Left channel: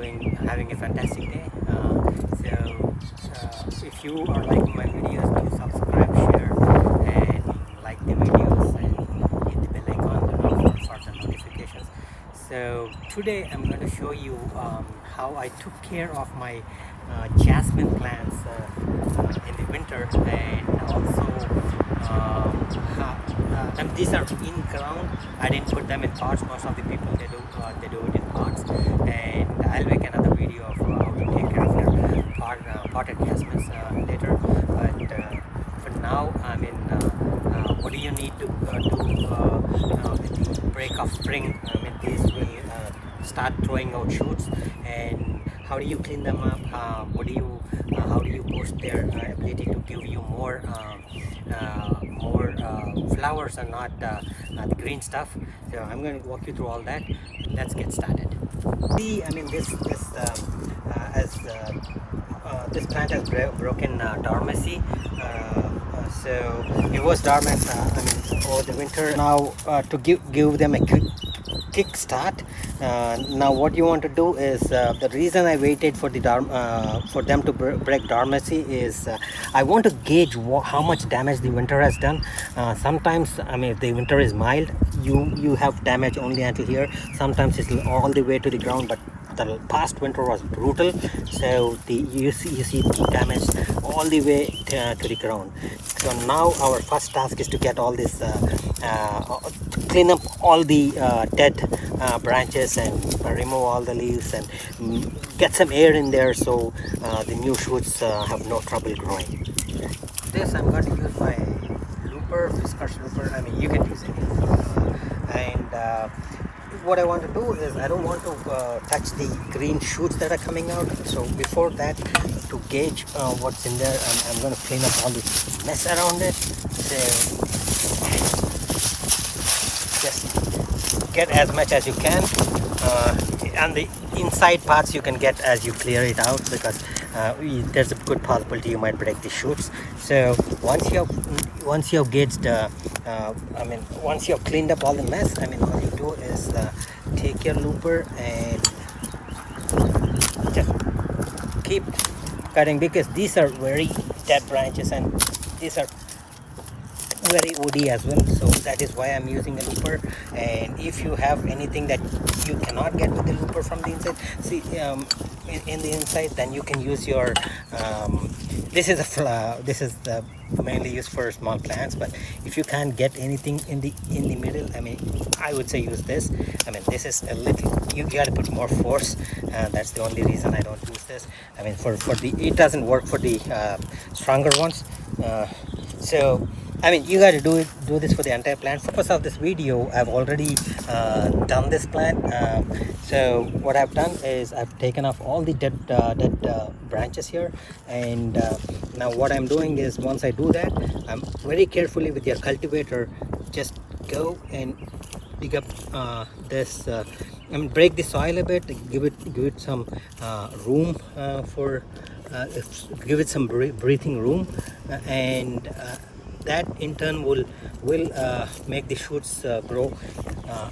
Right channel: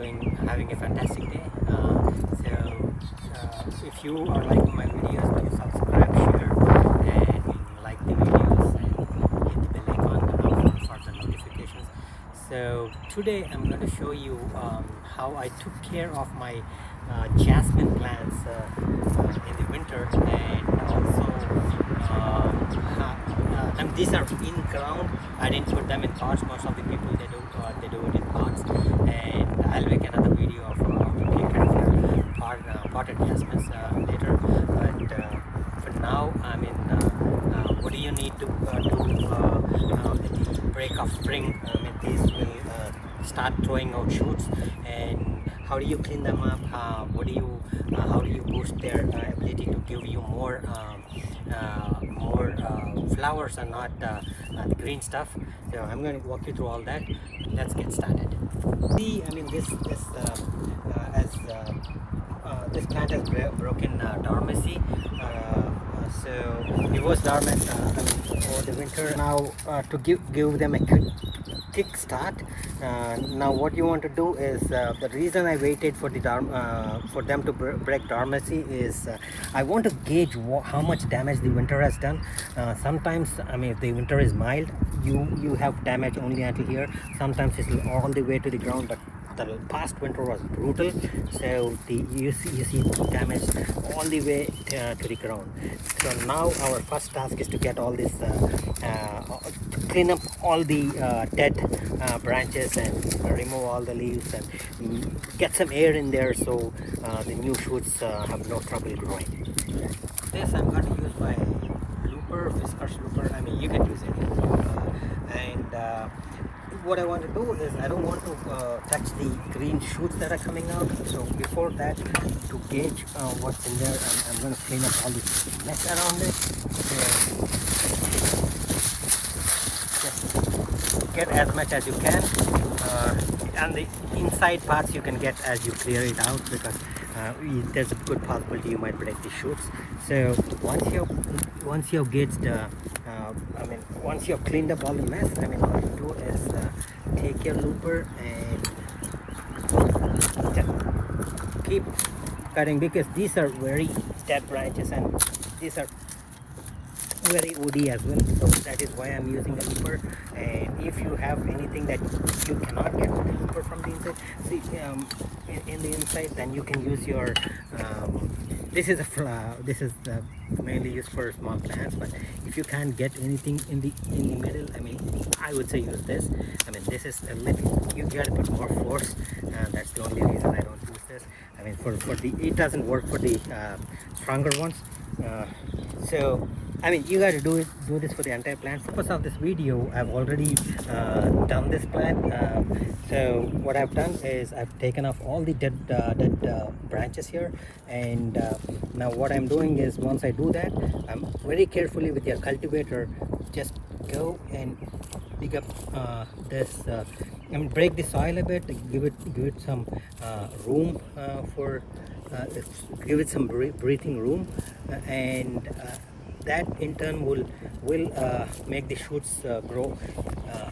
having a fantastic day. If you are liking my videos, please subscribe, share, and like the videos, and hit the bell icon for the notifications. So today I'm going to show you how I took care of my jasmine plants in the winter, and also and these are in ground. I didn't put them in pots. Most of the people they do it in pots, and I'll make another video of how to take care of your potted jasmines later. But for now, I mean, what do you need to do at the break of spring? I mean, these will start throwing out shoots, and how do you clean them up? How do you boost their ability to give you more flowers and not the green stuff? So I'm going to walk you through all that. Let's get started. See, I mean, this plant has broken dormancy. So it was dormant, I mean, over the winter. Now to give them a kick start. Now what you want to do is, the reason I waited for for them to break dormancy is I want to gauge how much damage the winter has done. Sometimes, I mean, if the winter is mild, you have damage only until here. Sometimes it's all the way to the ground, but the past winter was brutal, so you see damage all the way to the ground. So now our first task is to get all this, clean up all the dead branches and remove all the leaves and get some air in there, so the new shoots have no trouble growing. This I'm going to use my looper, viscous looper. I mean, you can use it, and what I want to do is I don't want to touch the green shoots that are coming out. So before that, to gauge what's in there, I'm going to clean up all the mess around it. So just get as much as you can, and the inside parts you can get as you clear it out, because there's a good possibility you might break the shoots. So once you've gauged, I mean, once you've cleaned up all the mess, I mean, what you do is take your looper and just keep cutting, because these are very dead branches and these are very woody as well, so that is why I'm using a looper. And if you have anything that you cannot get with the looper from the inside, see, in the inside, then you can use your this is the mainly used for small plants. But if you can't get anything in the middle, I mean, I would say use this. I mean, this is a little, you got to put more force. That's the only reason I don't use this. I mean, for the, it doesn't work for the stronger ones. So I mean, you got to do this for the entire plant. For the purpose of this video, I've already done this plant. So what I've done is I've taken off all the dead branches here, and now what I'm doing is, once I do that, I'm very carefully with your cultivator, just go and dig up this and break the soil a bit, give it some room for give it some breathing room, and that in turn will make the shoots grow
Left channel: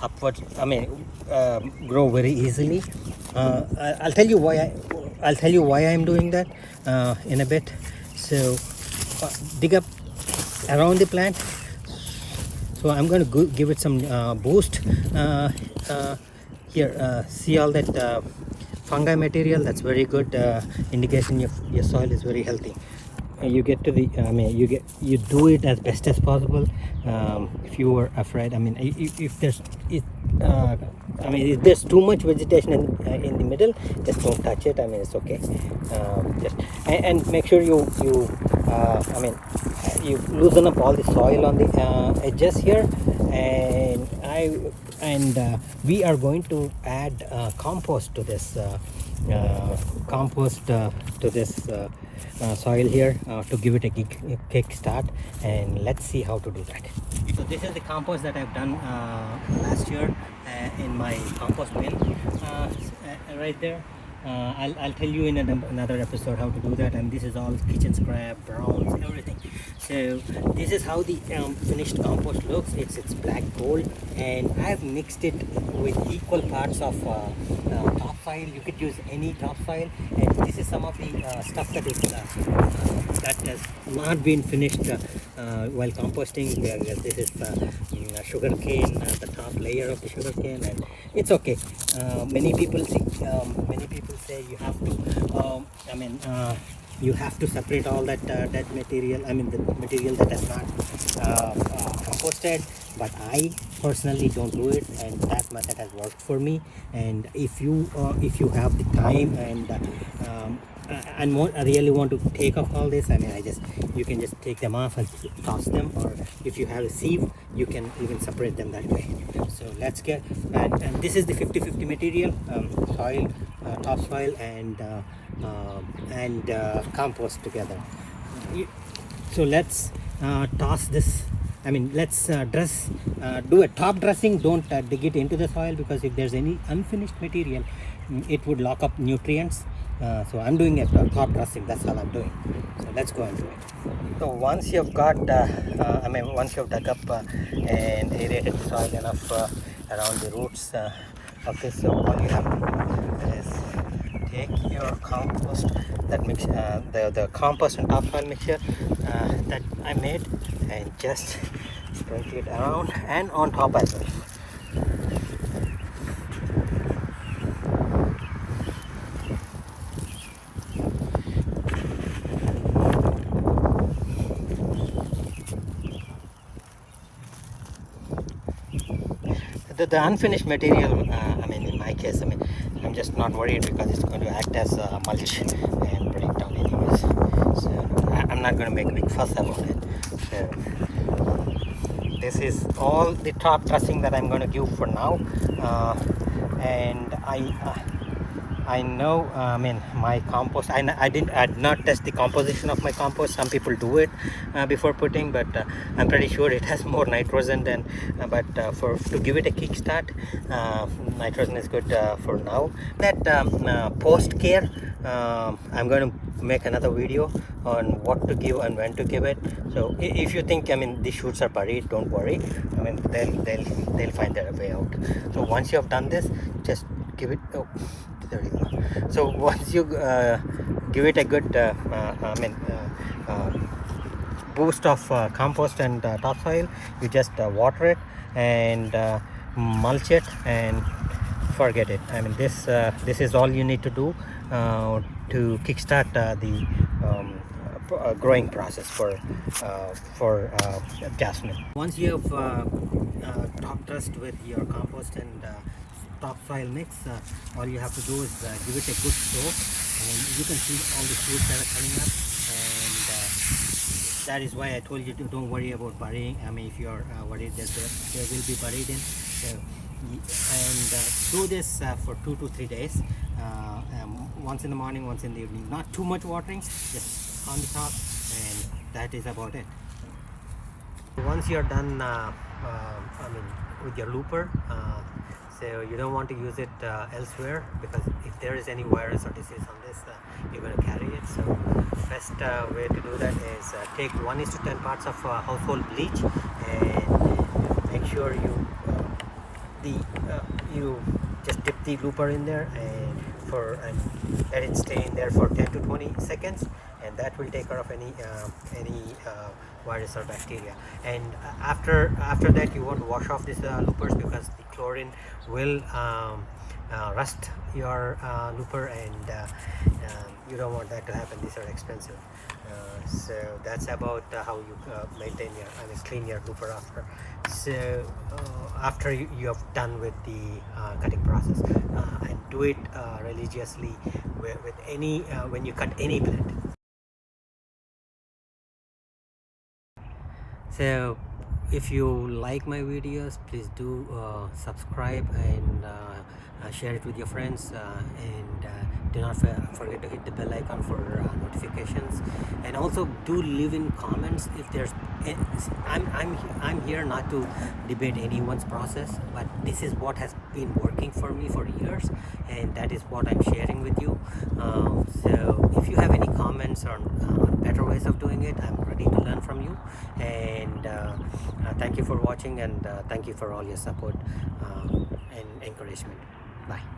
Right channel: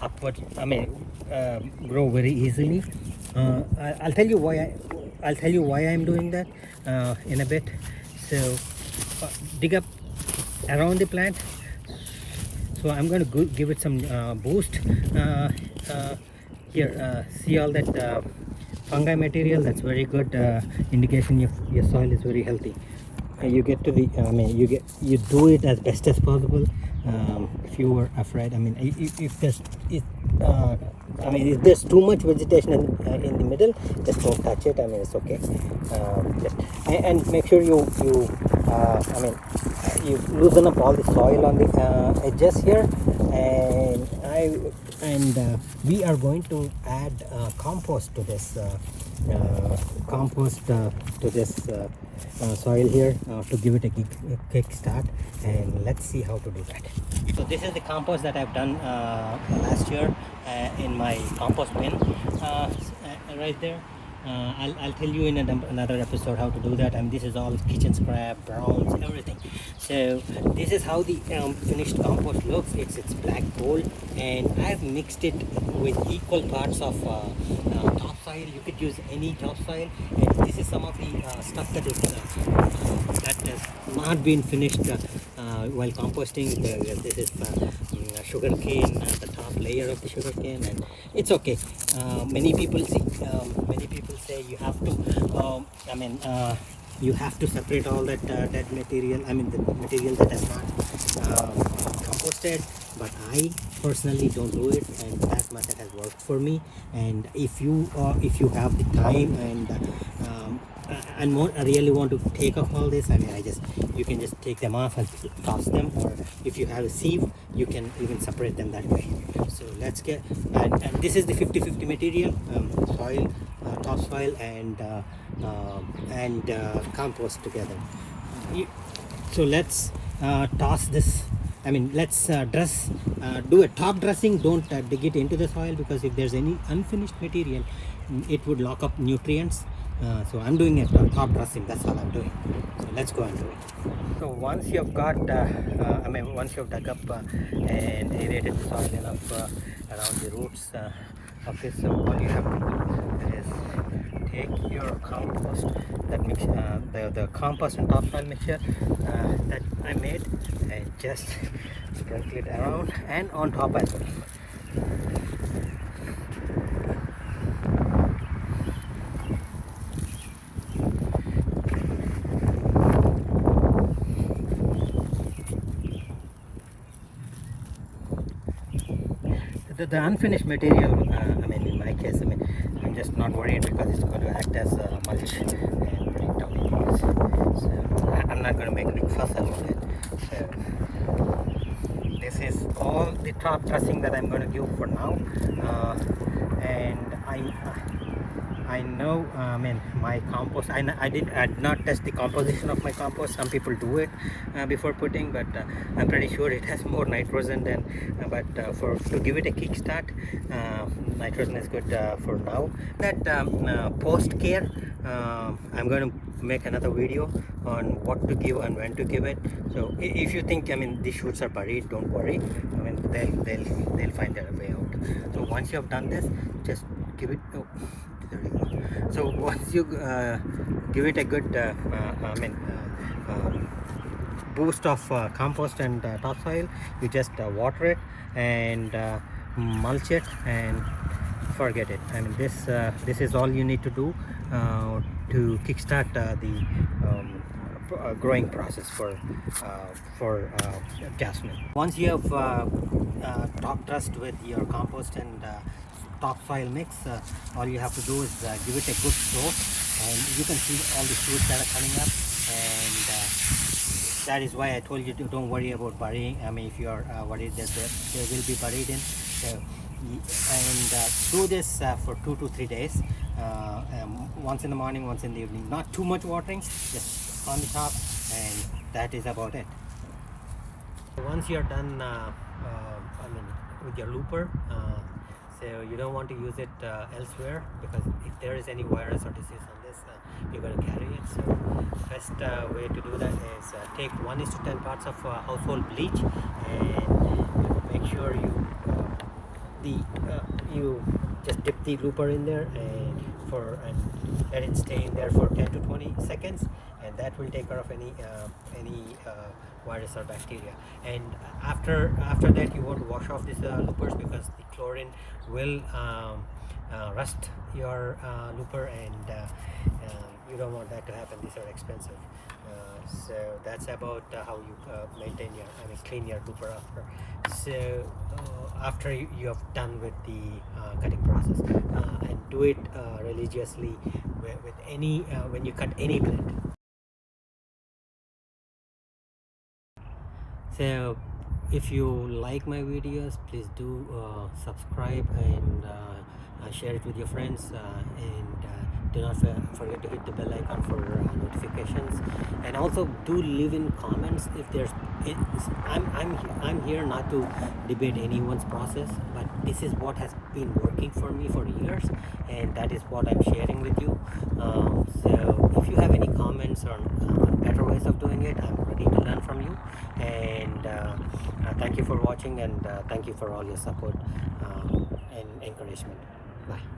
upwards. I mean, grow very easily. I'll tell you why I'm doing that in a bit. So dig up around the plant. So I'm going to give it some boost here. See all that fungi material? That's very good indication your soil is very healthy. You get to the, I mean, you do it as best as possible. If you were afraid, I mean, if there's I mean, if there's too much vegetation in the middle, just don't touch it. I mean, it's okay. Just and make sure you I mean, you loosen up all the soil on the edges here, and we are going to add compost to this soil here to give it a kick start, and let's see how to do that. So this is the compost that I've done last year in my compost bin right there. I'll tell you in another episode how to do that. I mean, this is all kitchen scrap, browns, and everything. So this is how the finished compost looks. It's black gold, and I've mixed it with equal parts of topsoil. You could use any topsoil, and this is some of the stuff that has not been finished while composting. This is sugar cane, the top layer of the sugar cane, and it's okay. Many people say you have to you have to separate all that dead material, I mean the material that has not composted, but I personally don't do it, and that method has worked for me. And if you have the time and really want to take off all this, I mean, you can just take them off and toss them, or if you have a sieve, you can even separate them that way. So let's get, and this is the 50-50 material, soil, topsoil, and compost together. So let's toss this. I mean, let's do a top dressing. Don't dig it into the soil, because if there's any unfinished material, it would lock up nutrients. So I'm doing a top dressing. That's all I'm doing. So let's go and do it. So once you've got, once you've dug up and aerated the soil enough around the roots of this, so all you have to do is take your compost, that mix, the compost and topsoil mixture that I made, and just sprinkle it around and on top as well. The unfinished material, in my case, I'm just not worried, because it's going to act as mulch and break down anyways. So I'm not going to make a big fuss about it. So this is all the top dressing that I'm going to give for now, and I know, my compost, I did not test the composition of my compost. Some people do it before putting, but I'm pretty sure it has more nitrogen than, to give it a kickstart, nitrogen is good for now. That post care, I'm going to make another video on what to give and when to give it. So if you think, these shoots are buried, don't worry. They'll find their way out. So once you have done this, just give it, oh, there you go. So once you give it a good boost of compost and topsoil, you just water it and mulch it and forget it. This is all you need to do to kickstart the growing process for Jasmine. Once you have top dressed with your compost and topsoil mix, all you have to do is give it a good soak, and you can see all the fruits that are coming up, and that is why I told you to don't worry about burying. If you are worried that they will be buried in, so, and do this for 2 to 3 days, once in the morning, once in the evening. Not too much watering, just on the top, and that is about it. Once you're done with your looper, so you don't want to use it elsewhere, because if there is any virus or disease on this, you're going to carry it. So best way to do that is take 1:10 parts of household bleach, and make sure you just dip the looper in there and let it stay in there for 10 to 20 seconds, and that will take care of any virus or bacteria. And after that, you want to wash off these loopers, because the chlorine will rust your looper, and you don't want that to happen. These are expensive. So that's about how you maintain clean your looper after. So after you have done with the cutting process, and do it religiously with any when you cut any plant. So if you like my videos, please do subscribe and share it with your friends, and do not forget to hit the bell icon for notifications, and also do leave in comments if there's I'm here not to debate anyone's process, but this is what has been working for me for years, and that is what I'm sharing with you. So if you have any comments on better ways of doing it, I'm ready to learn from you. And thank you for watching, and thank you for all your support and encouragement. Bye.